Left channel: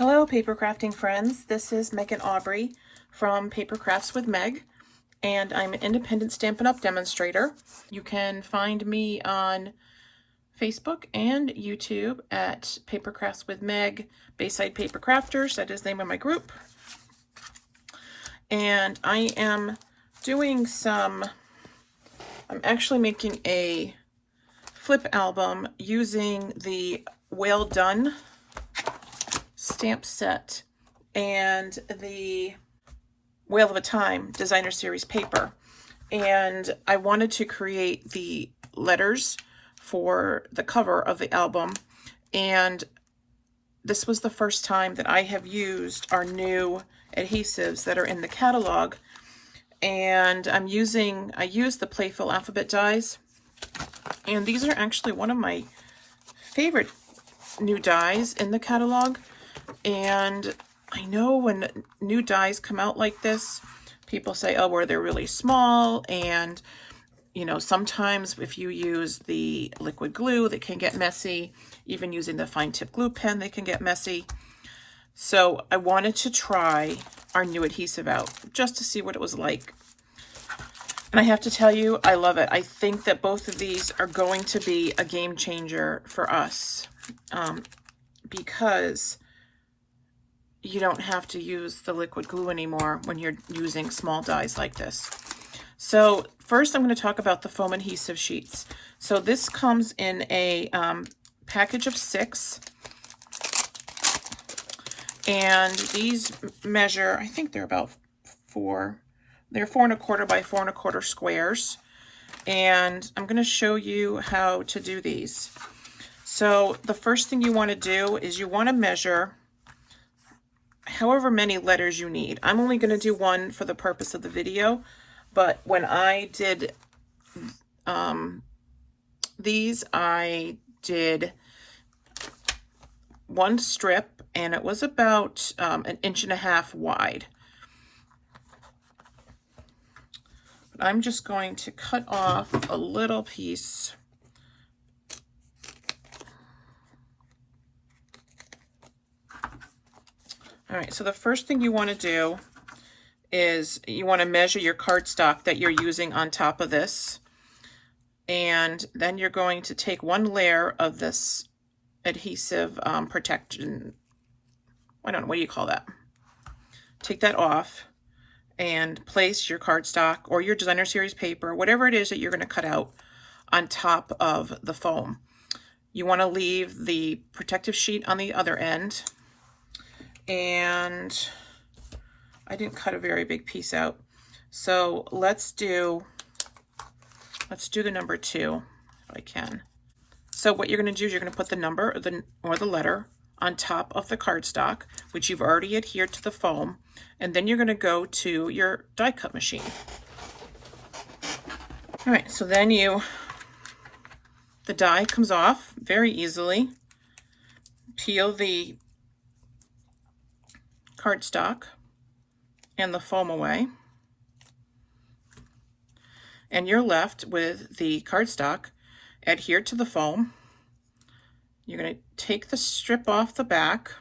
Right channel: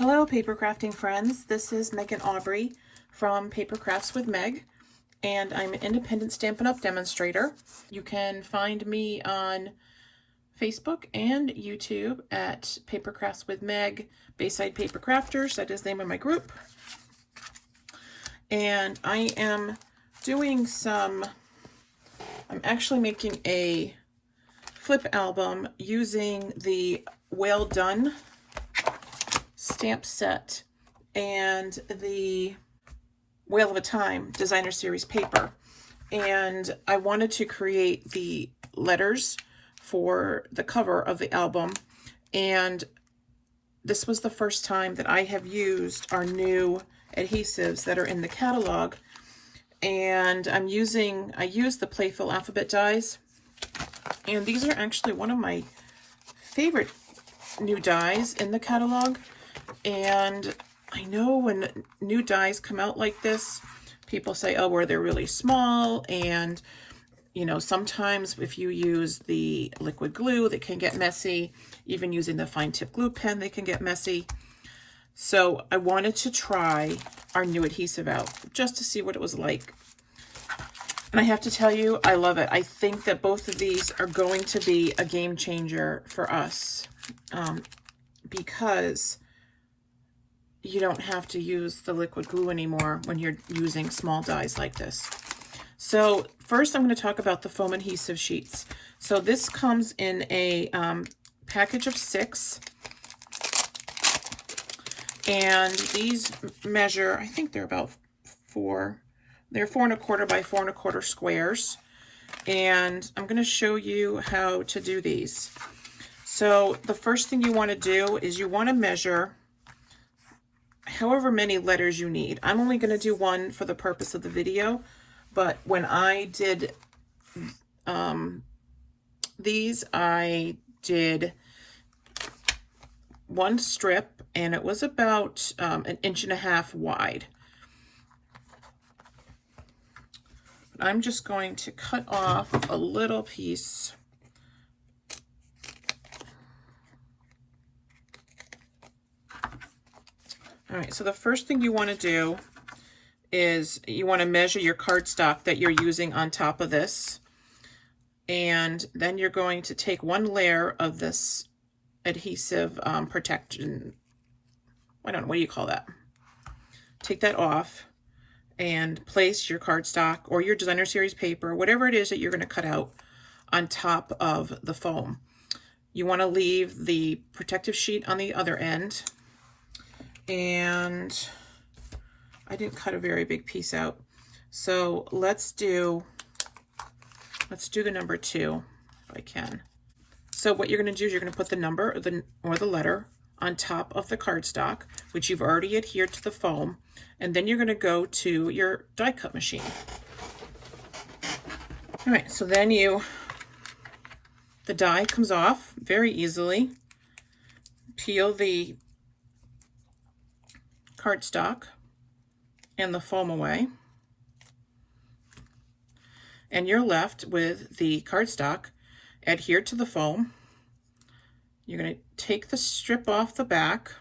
Hello paper crafting friends, this is Meg and Aubrey from Paper Crafts with Meg, and I'm an independent Stampin' Up! Demonstrator. You can find me on Facebook and YouTube at Paper Crafts with Meg, Bayside Paper Crafters, that is the name of my group. And I am doing I'm actually making a flip album using the Well Done stamp set and the Whale of a Time designer series paper, and I wanted to create the letters for the cover of the album, and this was the first time that I have used our new adhesives that are in the catalog. And I used the Playful Alphabet Dies, and these are actually one of my favorite new dies in the catalog. And I know when new dies come out like this, people say, oh, well, they're really small, and you know, sometimes if you use the liquid glue, they can get messy. Even using the fine tip glue pen, they can get messy. So I wanted to try our new adhesive out just to see what it was like. And I have to tell you, I love it. I think that both of these are going to be a game changer for us, because you don't have to use the liquid glue anymore when you're using small dies like this. So first I'm going to talk about the foam adhesive sheets. So this comes in a package of 6. And these measure, I think they're about 4. They're 4 1/4 by 4 1/4 squares. And I'm going to show you how to do these. So the first thing you want to do is you want to measure however many letters you need. I'm only going to do one for the purpose of the video, but when I did these, I did one strip, and it was about 1.5 inches wide. I'm just going to cut off a little piece. All right, so the first thing you want to do is you want to measure your cardstock that you're using on top of this. And then you're going to take one layer of this adhesive protection. I don't know, what do you call that? Take that off and place your cardstock or your designer series paper, whatever it is that you're going to cut out, on top of the foam. You want to leave the protective sheet on the other end. And I didn't cut a very big piece out. So let's do the number 2 if I can. So what you're going to do is you're going to put the number or the letter on top of the cardstock, which you've already adhered to the foam, and then you're going to go to your die cut machine. All right, so then the die comes off very easily. Peel the cardstock and the foam away, and you're left with the cardstock adhered to the foam. You're going to take the strip off the back,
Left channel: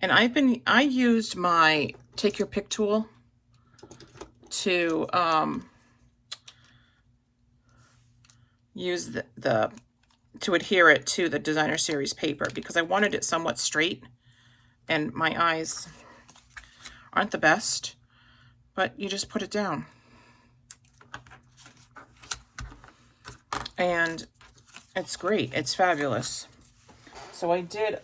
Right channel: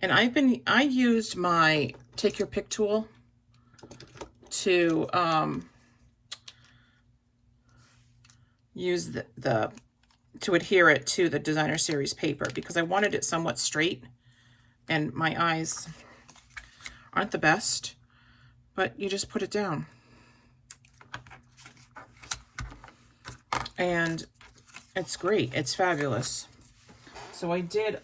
and I used my take your pick tool to use to adhere it to the designer series paper, because I wanted it somewhat straight, and my eyes aren't the best, but you just put it down. And it's great. It's fabulous. So I did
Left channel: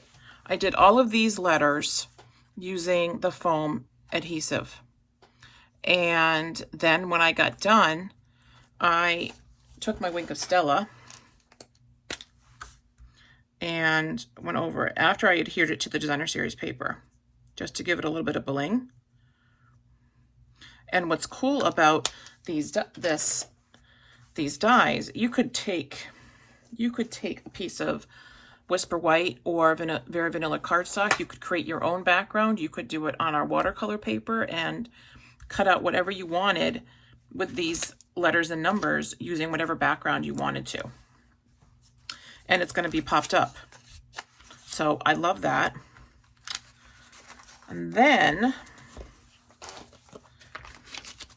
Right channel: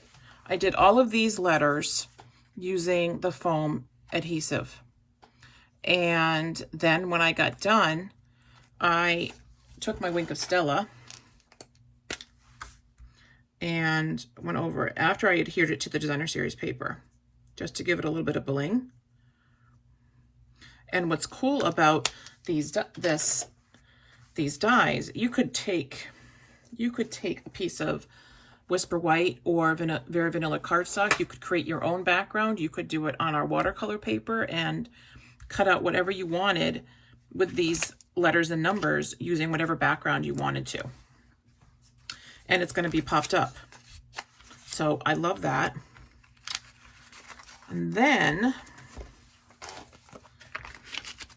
all of these letters using the foam adhesive. And then when I got done, I took my Wink of Stella and went over it after I adhered it to the designer series paper, just to give it a little bit of bling. And what's cool about these dies, you could take a piece of Whisper White or very vanilla cardstock. You could create your own background. You could do it on our watercolor paper and cut out whatever you wanted with these letters and numbers using whatever background you wanted to. And it's going to be popped up. So I love that. And then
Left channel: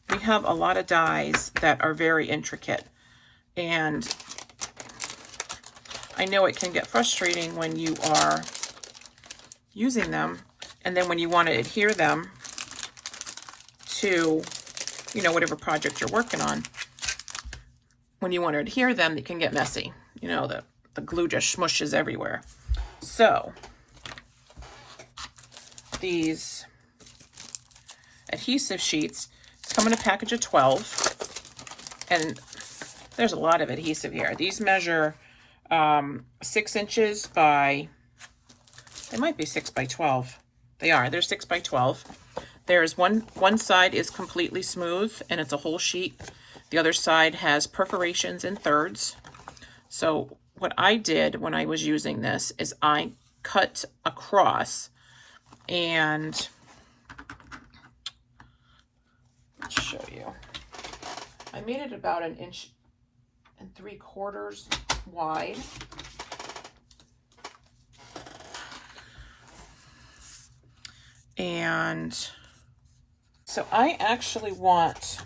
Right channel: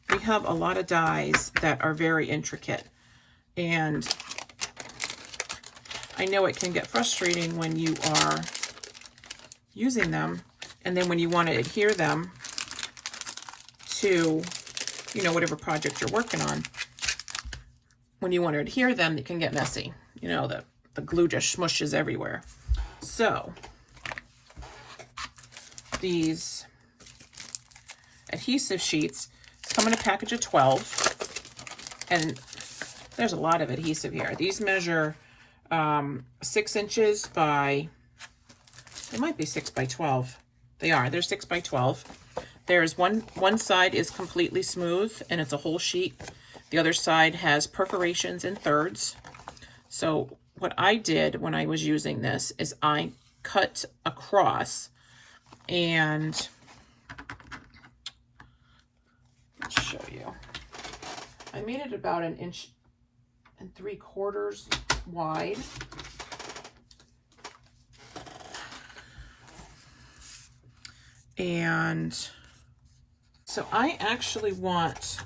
we have a lot of dies that are very intricate. And I know it can get frustrating when you are using them, and then when you want to adhere them to, you know, whatever project you're working on. When you want to adhere them, it can get messy. You know, the glue just smushes everywhere. So these adhesive sheets come in a package of 12, and there's a lot of adhesive here. These measure 6 inches by, they might be 6 by 12. They are, they're 6 by 12. There's one side is completely smooth and it's a whole sheet. The other side has perforations in thirds. So what I did when I was using this is I cut across, and let's show you. I made it about 1 3/4 inches wide. And so I actually want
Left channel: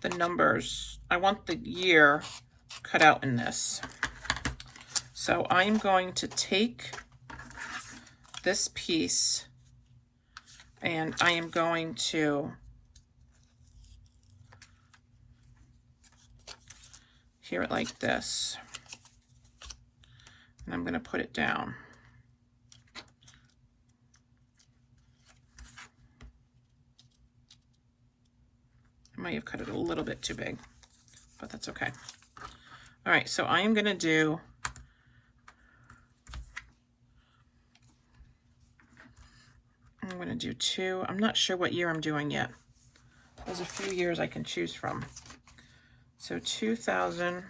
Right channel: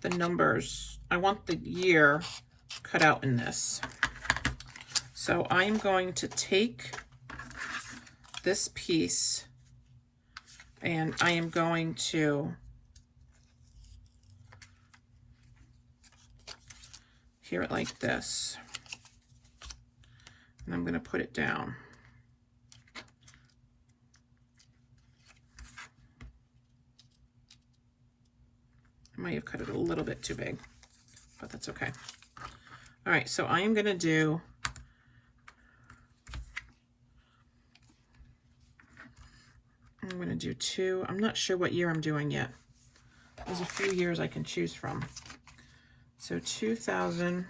the numbers, I want the year cut out in this. So I'm going to take this piece and I am going to hear it like this. And I'm going to put it down. I might have cut it a little bit too big, but that's okay. All right, so I am going to do two. I'm not sure what year I'm doing yet. There's a few years I can choose from. So 2000.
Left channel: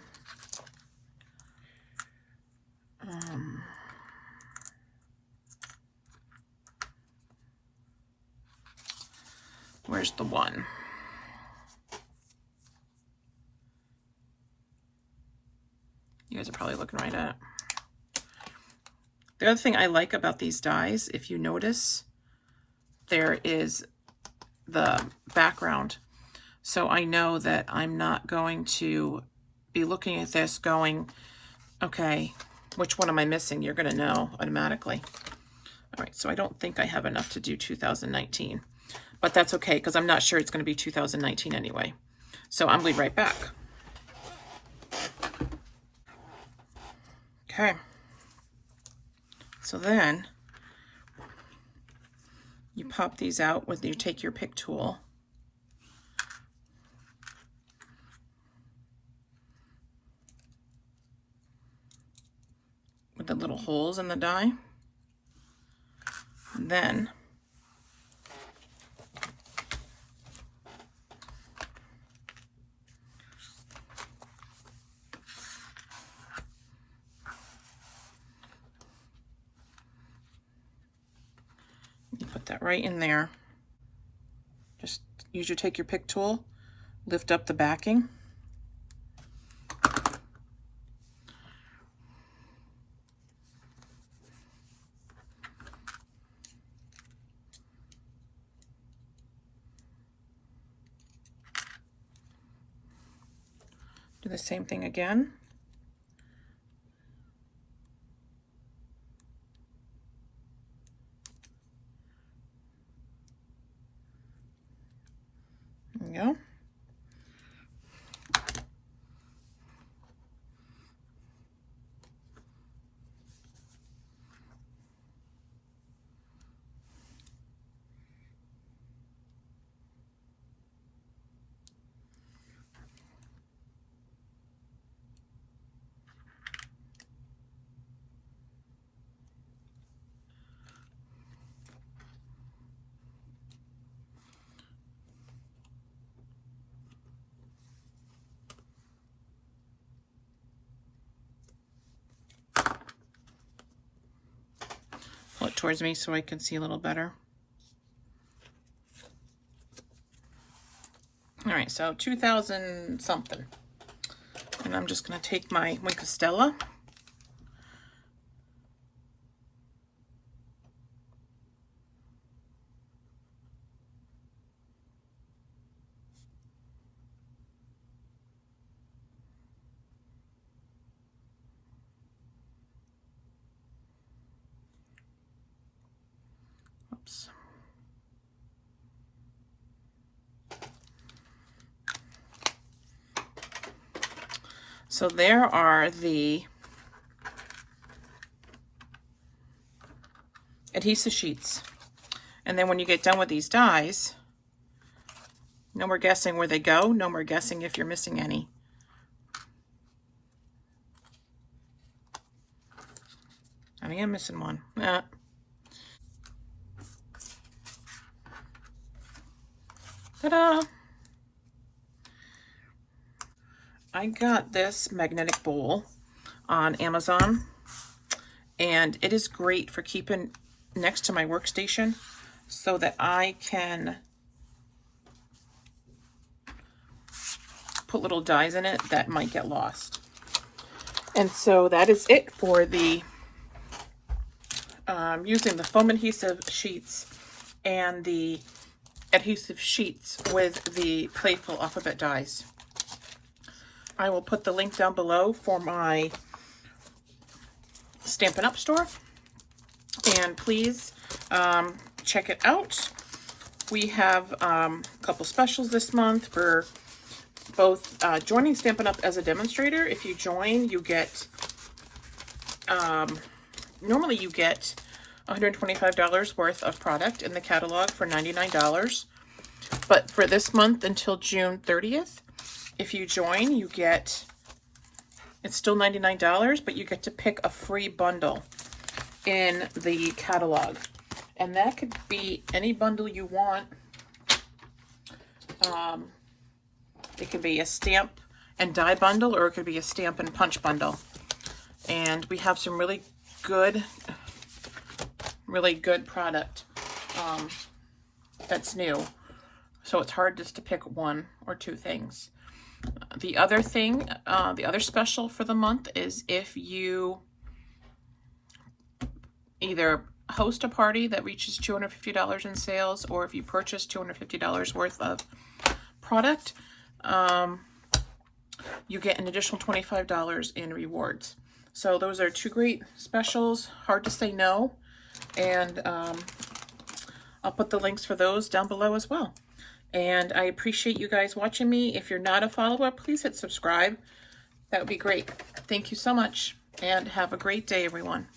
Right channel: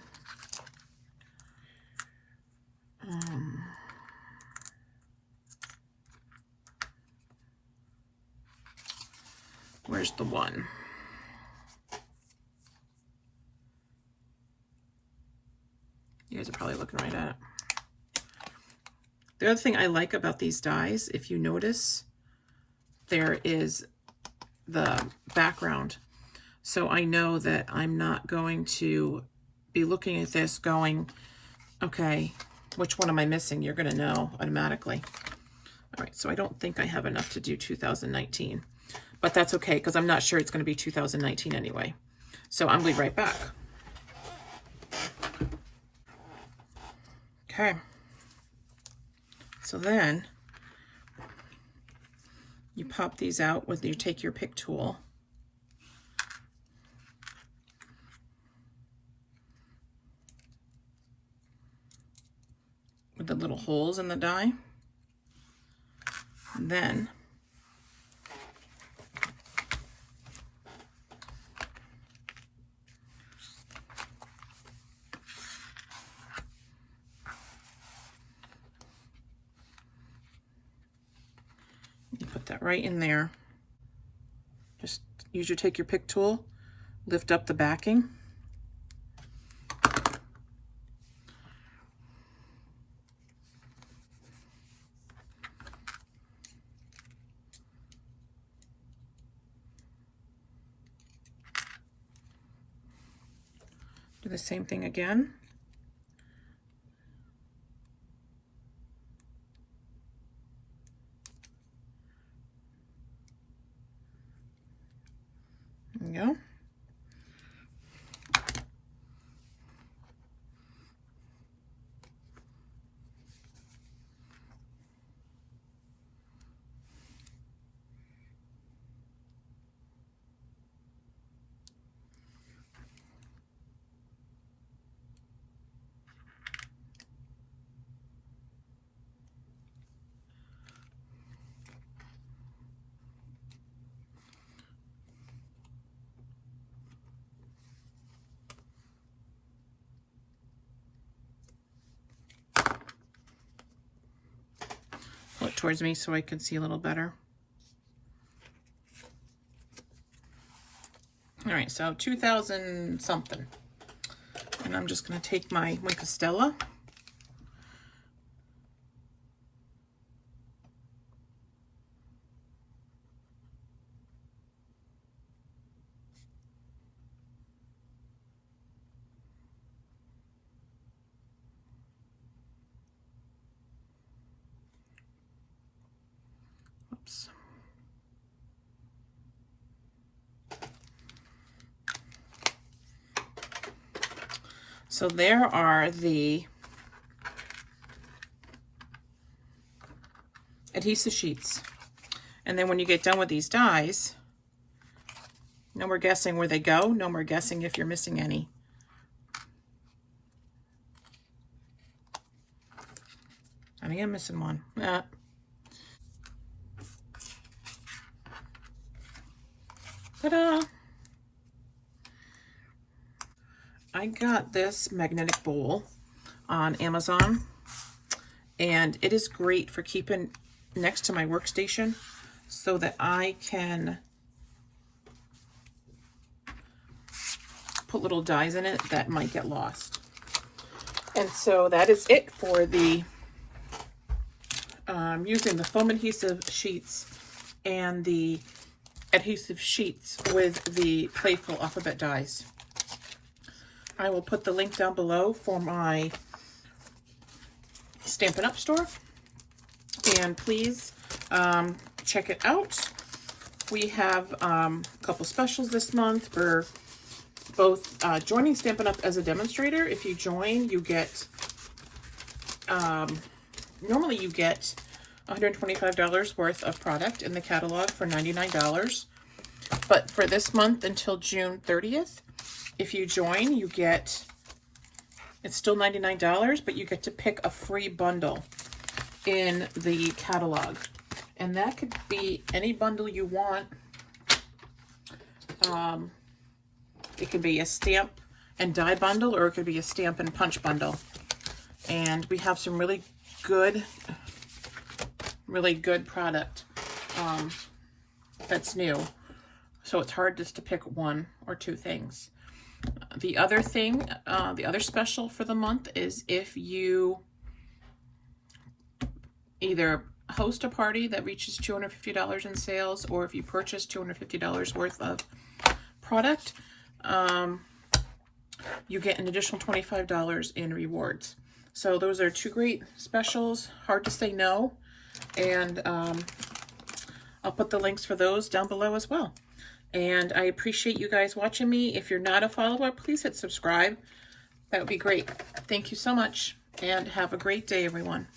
Where's the one? You guys are probably looking right at it. The other thing I like about these dies, if you notice, there is the background. So I know that I'm not going to be looking at this going, okay, which one am I missing? You're going to know automatically. All right, so I don't think I have enough to do 2019, but that's okay because I'm not sure it's going to be 2019 anyway. So I'm going to be right back. Okay, so then you pop these out with, you take your pick tool. With the little holes in the die. And then you put that right in there. Just take your pick tool, lift up the backing. Do the same thing again. There we go. Pull it towards me so I can see a little better. All right, so 2000 something. And I'm just going to take my Wink of Stella. Oops. So there are the adhesive sheets. And then when you get done with these dies, no more guessing where they go, no more guessing if you're missing any. I am missing one. Ta-da! I got this magnetic bowl on Amazon, and it is great for keeping next to my workstation so that I can put little dies in it that might get lost. And so that is it for the using the foam adhesive sheets and the adhesive sheets with the Playful Alphabet Dies. I will put the link down below for my Stampin' Up store, and please check it out. We have a couple specials this month for both joining Stampin' Up as a demonstrator. If you join, you get normally you get $125 worth of product in the catalog for $99. But for this month until June 30th, if you join, you get, it's still $99, but you get to pick a free bundle in the catalog. And that could be any bundle you want. It could be a stamp and die bundle, or it could be a stamp and punch bundle. And we have some really good product that's new. So it's hard just to pick one or two things. The other thing, the other special for the month is if you either host a party that reaches $250 in sales, or if you purchase $250 worth of product, you get an additional $25 in rewards. So those are two great specials, hard to say no. And I'll put the links for those down below as well. And I appreciate you guys watching me. If you're not a follower, please hit subscribe. That would be great. Thank you so much, and have a great day, everyone.